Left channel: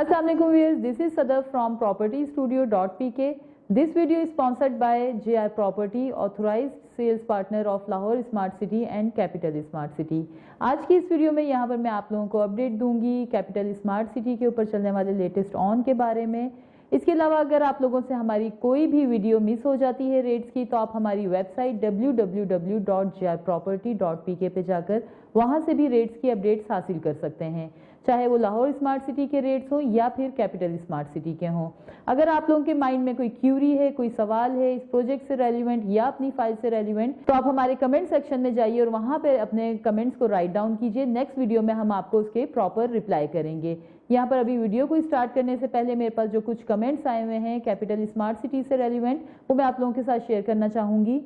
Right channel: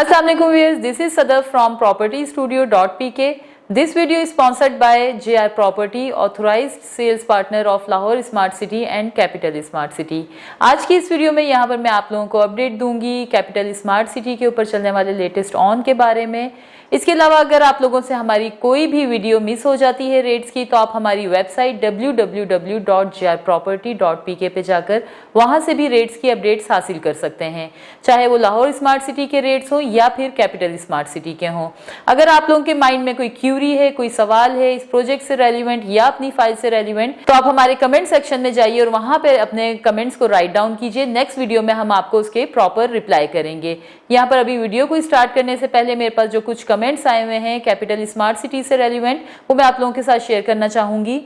Assalamu alaikum viewers, this is Sadaf from propertystudio.pk. This video is sponsored by JR Property, authorized sales partner of Lahore Smart City and Capital Smart City. आज की इस video में यहाँ पर मैं आप लोगों को अपडेट दूंगी कैपिटल स्मार्ट सिटी के ऊपर चलने वाले लेटेस्ट ऑन के बारे में। इसके अलावा अगर आप लोगों से हमारी कोई भी वीडियो मिस हो जाती है रेट्स की, तो आप हमारी वेबसाइट www.grproperty.pk पे जाकर वहां से भी रेट्स की अपडेट्स हासिल कर सकते हैं, चाहे वो लाहौर स्मार्ट सिटी के रेट्स हो या फिर कैपिटल स्मार्ट सिटी के हों। अगर आप लोगों के माइंड में कोई क्यूरी है, कोई सवाल है इस प्रोजेक्ट से रेलिवेंट या अपनी फाइल से रेलिवेंट, तो आप हमारे कमेंट सेक्शन में जाइए और वहां पर अपने कमेंट्स को राइट डाउन कीजिए। नेक्स्ट वीडियो में हम आपको उसके प्रॉपर रिप्लाई करेंगे। यहाँ पर अभी वीडियो को स्टार्ट करने से पहले मेरे पास जो कुछ कमेंट्स आए हुए हैं कैपिटल स्मार्ट सिटी से रेलिवेंट, वो मैं आप लोगों के साथ शेयर करना चाहूंगी।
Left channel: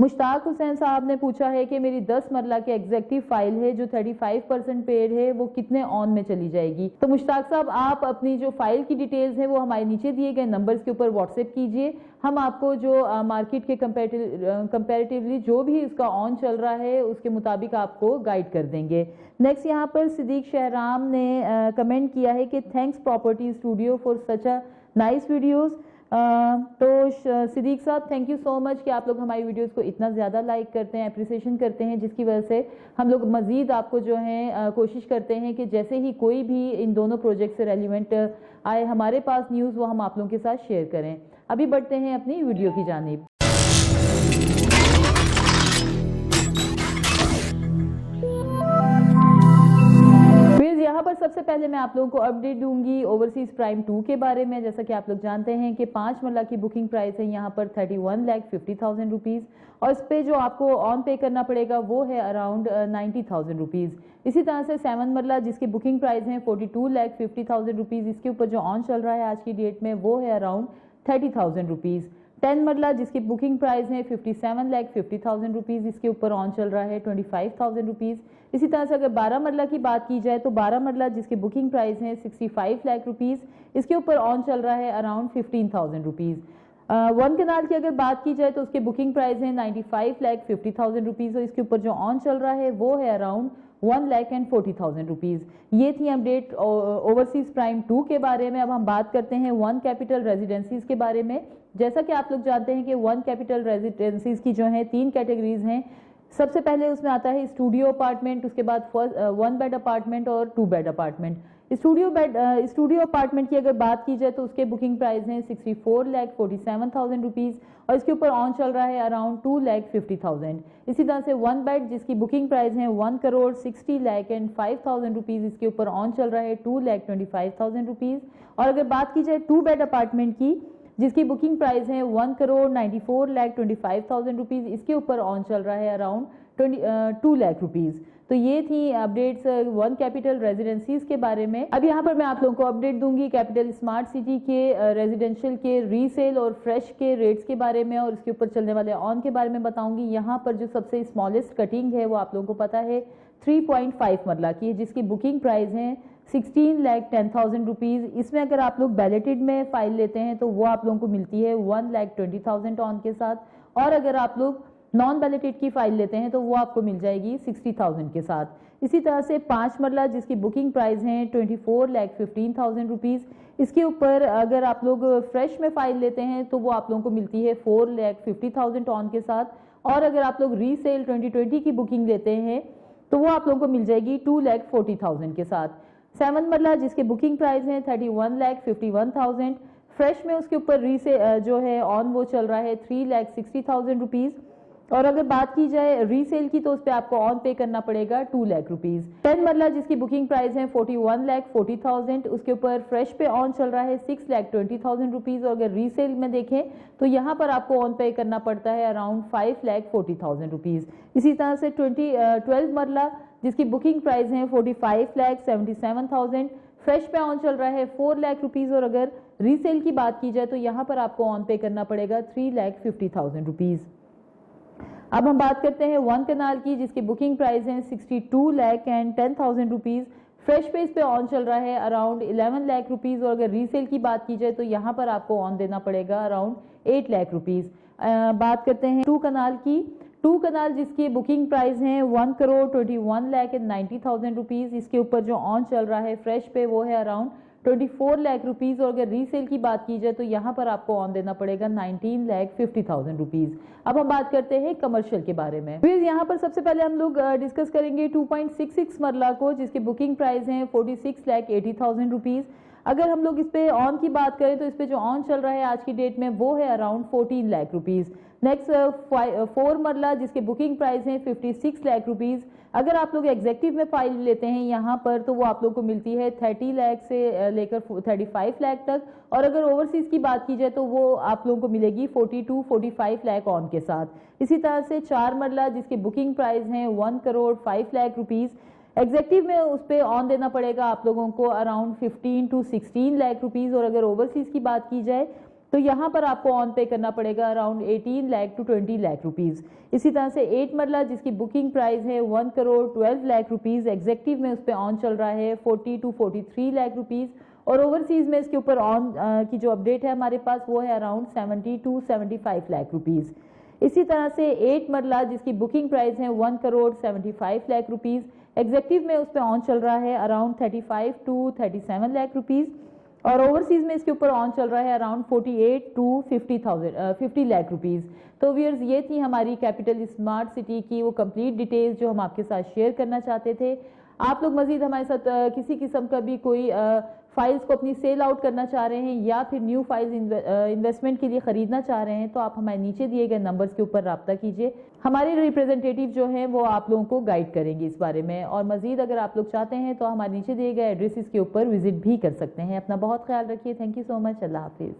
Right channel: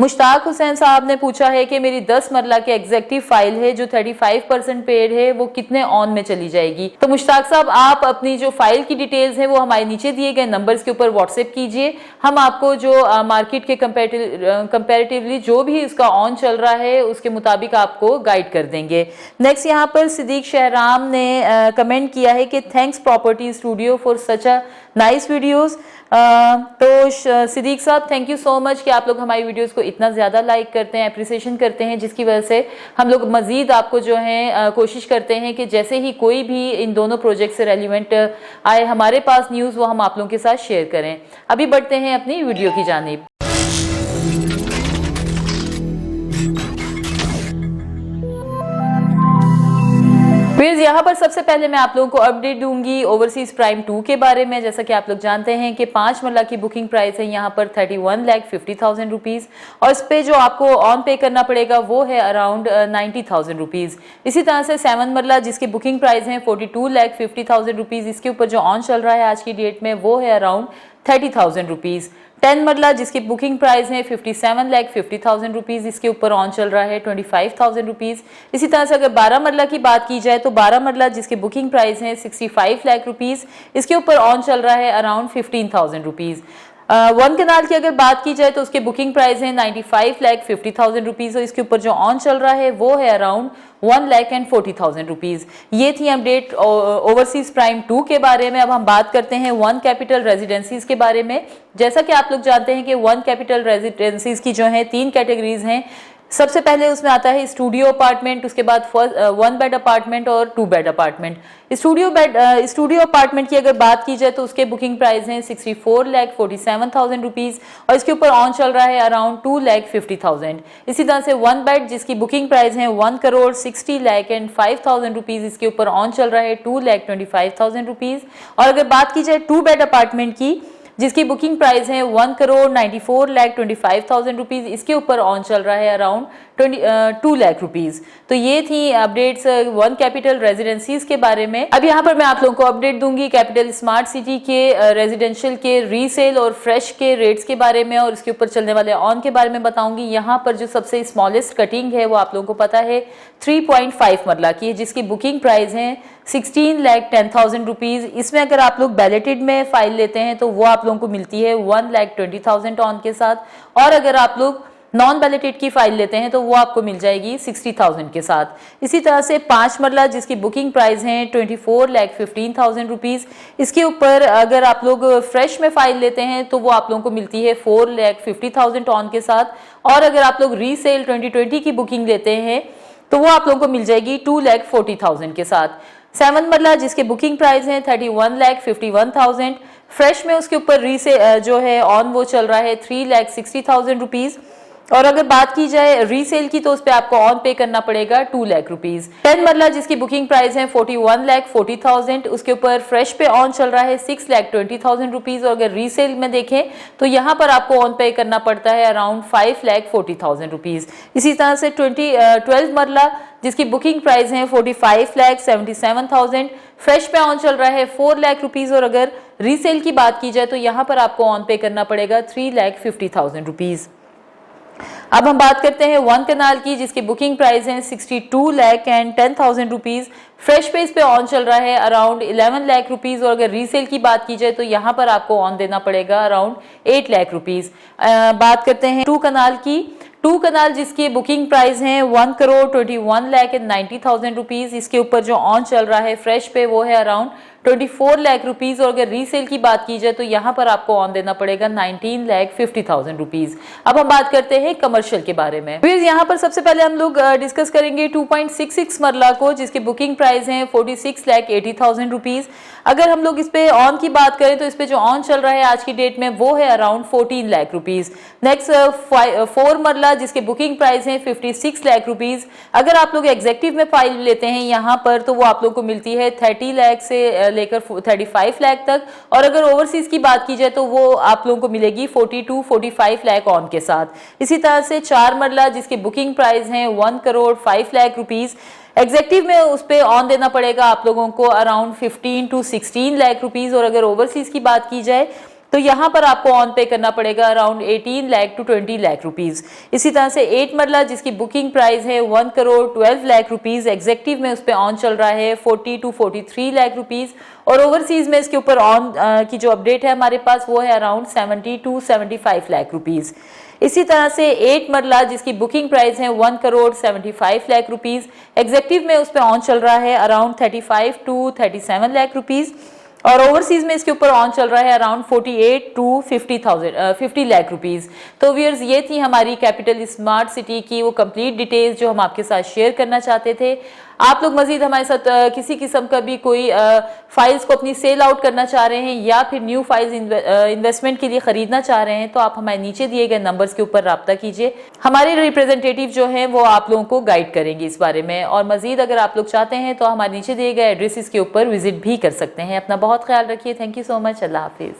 मुश्ताक हुसैन साहब ने पूछा है कि मेरी 10 मरला के एग्जेक्टिव फाइल है जो 35% पेड है, वो कितने ऑन में चली जाएगी। तो मुश्ताक साहब, आप अपनी जो फाइल की डिटेल्स हैं वो हमारे नीचे दिए गए नंबर्स के ऊपर व्हाट्सएप कीजिए। हम आपको जो मार्केट के कंपैरेटिवली जो भी इसका ऑन चल रहा है उसके मुताबिक आपको गाइड कर देंगे। नेक्स्ट यहाँ पर सिद्दीक शहराम ने कमेंट किया है कि thanks property studio for such a nice videos. तो सिद्दीक साहब, थैंक यू सो मच कि आप लोग हमारी वीडियोस को इतना ज़्यादा लाइक करते हैं, अप्रिसिएशन करते हैं, जिसकी वजह से हम लोग मज़ीद आपको जो है कोशिश करते हैं कि जैसे ही कोई भी इन दोनों प्रोजेक्ट से रेलिवेंट आए हमारे पास न्यूज़, वो हम आप लोगों के साथ शेयर करें। अभी बढ़ते हैं अपनी वीडियो की जानिब। फिर यहाँ पर सबसे पहले मैं आप लोगों को अपडेट दूंगी ओवरसीज प्राइम 2 के बारे में। जैसा कि आप लोग जानते हैं कि 5 मरला की बुकिंग प्राइस है यहाँ पर 31,50,000 रुपीज़, और इस पे जो आपको ऑन पे करना पड़ेगा वो है अराउंड 90,000 रुपीज़। इसी तरह से 7 मरला जिसकी बुकिंग प्राइस है 42,50,000 रुपीज़, इसके ऊपर जो ऑन चल रहा है आज की डेट में वो है अराउंड 30,000 रुपीज़। 10 मरला जिसकी बुकिंग प्राइस है 57,50,000 रुपीज़, इसके ऊपर ऑन चल रहा है 25,000 रुपीज़। इसी तरह से अगर 12 मरला की बात की जाए तो 12 मरला जिसकी बुकिंग प्राइस है 65 लाख रुपीज़, इसके ऊपर ऑन चल रहा है अराउंड 15,000 रुपीज़। 1 कनाल की अगर बात की जाए तो उसके बुकिंग प्राइस है 95,50,000 रुपीज़, और इसके ऊपर जो ऑन चल रहा है वो है अराउंड 1,40,000 रुपीज़। ये थी अपडेट ओवरसीज प्राइम 2 के बारे में। अब हम बात करते हैं वन कैपिटल रेजिडेंसीज के बारे में। जैसा कि आप लोग जानते हैं कि वन कैपिटल रेजिडेंसीज की जो है 3 कैटेगरीज हैं। सबसे पहले उसमें आता है स्टूडियो अपार्टमेंट, उसके बाद 1 बेड अपार्टमेंट और 2 बेड अपार्टमेंट। स्टूडियो अपार्टमेंट की अगर बात की जाए तो उसके बुकिंग प्राइस हैं 64,47,000 रुपीज़, और इसके ऊपर ऑन चल रहा है अराउंड 2,50,000। इसी तरह से 1 बेड जिसकी बुकिंग प्राइस है 1,60,05,000 रुपीज़, इसके ऊपर ऑन चल रहा है 2,25,000 रुपीज़। और अगर बात की जाए 2 बेड अपार्टमेंट की जिसकी बुकिंग प्राइस है 1,94,25,000 रुपीज़, इसके ऊपर ऑन चल रहा है अराउंड 2 लाख रुपीज़। तो ये थी अपडेट्स वन कैपिटल रेजिडेंसीज के बारे में। अब यहाँ पर मैं आप लोगों को अपडेट दूंगी कैपिटल स्मार्ट सिटी के रेजिडेंशियल के रीसेल और फ्रेश के रेट्स के बारे में, और इसके ऊपर चलने वाले ऑन के बारे में बताऊंगी। यहाँ पर जो सबसे स्मॉलेस्ट कटिंग है वो आप लोगों को पता है 3.5 मरला की है, जिसकी बुकिंग प्राइस है 16,10,000 रुपीज़। इसमें अगर आप लोग बैलेटेड में फाइल लेते हैं तो वो आप लोगों को मिलती है 1,20,000 ऑन के साथ, और अगर आप लोग नॉन बैलेटेड की फाइल लेते हैं तो वो आपको मिल जाएगी 60,000 के साथ। इसी तरह से 5 मरला जिसकी बुकिंग प्राइस है 24,15,000 रुपीज़, इसके ऊपर अगर आप लोग फ्रेश में फाइल लेते हैं तो वो आप लोगों को मिलती है 4,50,000 ऑन के साथ, और अगर आप लोग रीसेल 2020 की बुकिंग लेते हैं तो वो आप लोगों को मिल जाएगी 2,40,000 के साथ। 7 मरला जिसके बुकिंग प्राइस है 31,51,000, फ्रेश में उसके ऊपर जो है ऑन वो चल रहा है 3,60,000 रुपीज़, और अगर बात की जाए रीसेल की तो उस पर आपको ऑन पे करना पड़ेगा 2 लाख रुपीज़। 10 मरला जिसकी बुकिंग प्राइस है 41,40,000, उसके ऊपर फ्रेश पे ऑन चल रहा है 6,20,000 रुपीज़, और अगर रीसेल में देखें तो यहाँ पर आपको ऑन पे करना पड़ता है अराउंड 5,40,000 रुपीज़। इसी तरह से 12 मरला जिसकी बुकिंग प्राइस है 45,77,000, फ्रेश पे ऑन चल रहा है 4 लाख रुपीज़, और अगर रीसेल की बात की जाए तो यहाँ पर आपको ऑन पे करना पड़ेगा 3,50,000 रुपीज़। अब हम बात करते हैं 1 कनाल की जिसकी बुकिंग प्राइस है 62,10,000 रुपीज़, फ्रेश पे इस पे ऑन चल रहा है अराउंड 11 लाख रुपीज़, और अगर रीसेल की बात की जाए तो यहाँ पर आपको ऑन देना पड़ेगा अराउंड 8 लाख रुपीज़। बात करते हैं 2 कनाल की। 2 कनाल जिसकी बुकिंग प्राइस है 1,21,90,000 रुपीज़, इसके ऊपर जो ऑन चल रहा है फ्रेश पे वो है अराउंड 24 लाख रुपीज, और अगर रीसेल की बात की जाए तो यहाँ पर आपको ऑन देना पड़ेगा 19,50,000 रुपीज। अब हम बात करते हैं कमर्शियल के बारे में। फिर यहाँ पर सबसे पहले हम लोग डिस्कस करेंगे 2.66 मरला को, जिसके बुकिंग प्राइस है 46,80,000 रुपीज। अगर हम लोग इस पे ऑन की बात करें तो इस पे जो ऑन चल रहा है आज की डेट में वो है अराउंड 14 लाख रुपीज। नेक्स्ट 4 मरला जिसके बुकिंग प्राइस है 56 लाख रुपीज। अगर आप लोग एग्जेक्टिव में फाइल लेते हैं यहाँ पर तो वो आप लोग को मिलती है 30 लाख से लेकर 35 लाख तक, और अगर ओवरसीज की बात की जाए तो वो आप लोगों को मिलेगी 42-45 लाख ऑन के साथ। इसी तरह से 4 मरला जिसकी बुकिंग प्राइस है 1,05,00,000 रुपीज। एग्जेक्टिव में उस पे ऑन देना पड़ेगा आप लोगों को अराउंड 15-16 लाख रुपीज, और अगर ओवरसीज की बात की जाए तो यहाँ पर आपको ऑन पे करना पड़ेगा around 18 lakh to 20 lakh rupees. इसी तरह से 8 मरला जिसकी बुकिंग प्राइस है 1,12,00,000 रुपीज। एग्जेक्टिव में उस पे ऑन चल रहा है 40-43 लाख रुपीज, और ओवरसीज में इसके ऊपर ऑन की जो अपडेट है हमारे पास वो है अराउंड 70-75 लाख रुपीज। इसी तरह से 8 मरला जिसकी बुकिंग प्राइस है 1,75 लाख रुपीज। एग्जेक्टिव में उस पे ऑन चल रहा है अराउंड 35-37 लाख रुपीज, और ओवरसीज में इसके ऊपर ऑन चल रहा है अराउंड 48-50 लाख रुपीज। तो व्यूअर्स, ये थी हमारी कैपिटल स्मार्ट सिटी की वो कंप्लीट डिटेल्स जो हम आपके साथ शेयर करना चाहते थे। आप लोग मजीद हमारे साथ किसी किस्म का भी कोई फाइल्स को अपनी सेल आउट करना चाह रहे हैं या फिर न्यू फाइल्स इन्वेस्टमेंट के लिए खरीदना चाह रहे हैं तो आप हमारे नीचे दिए गए नंबर्स के ऊपर रब्ता कीजिए। हमारे रिप्रेजेंटेटिव जो हैं वो आप लोगों को गाइड करेंगे इस बारे में, और मजीद अगर आप लोग चाहते हैं तो हमारे नीचे दिए गए एड्रेसेस के ऊपर विजिट भी कर सकते हैं। अपना बहुत ख्याल रखिए। Thank you so much. Allah Hafiz.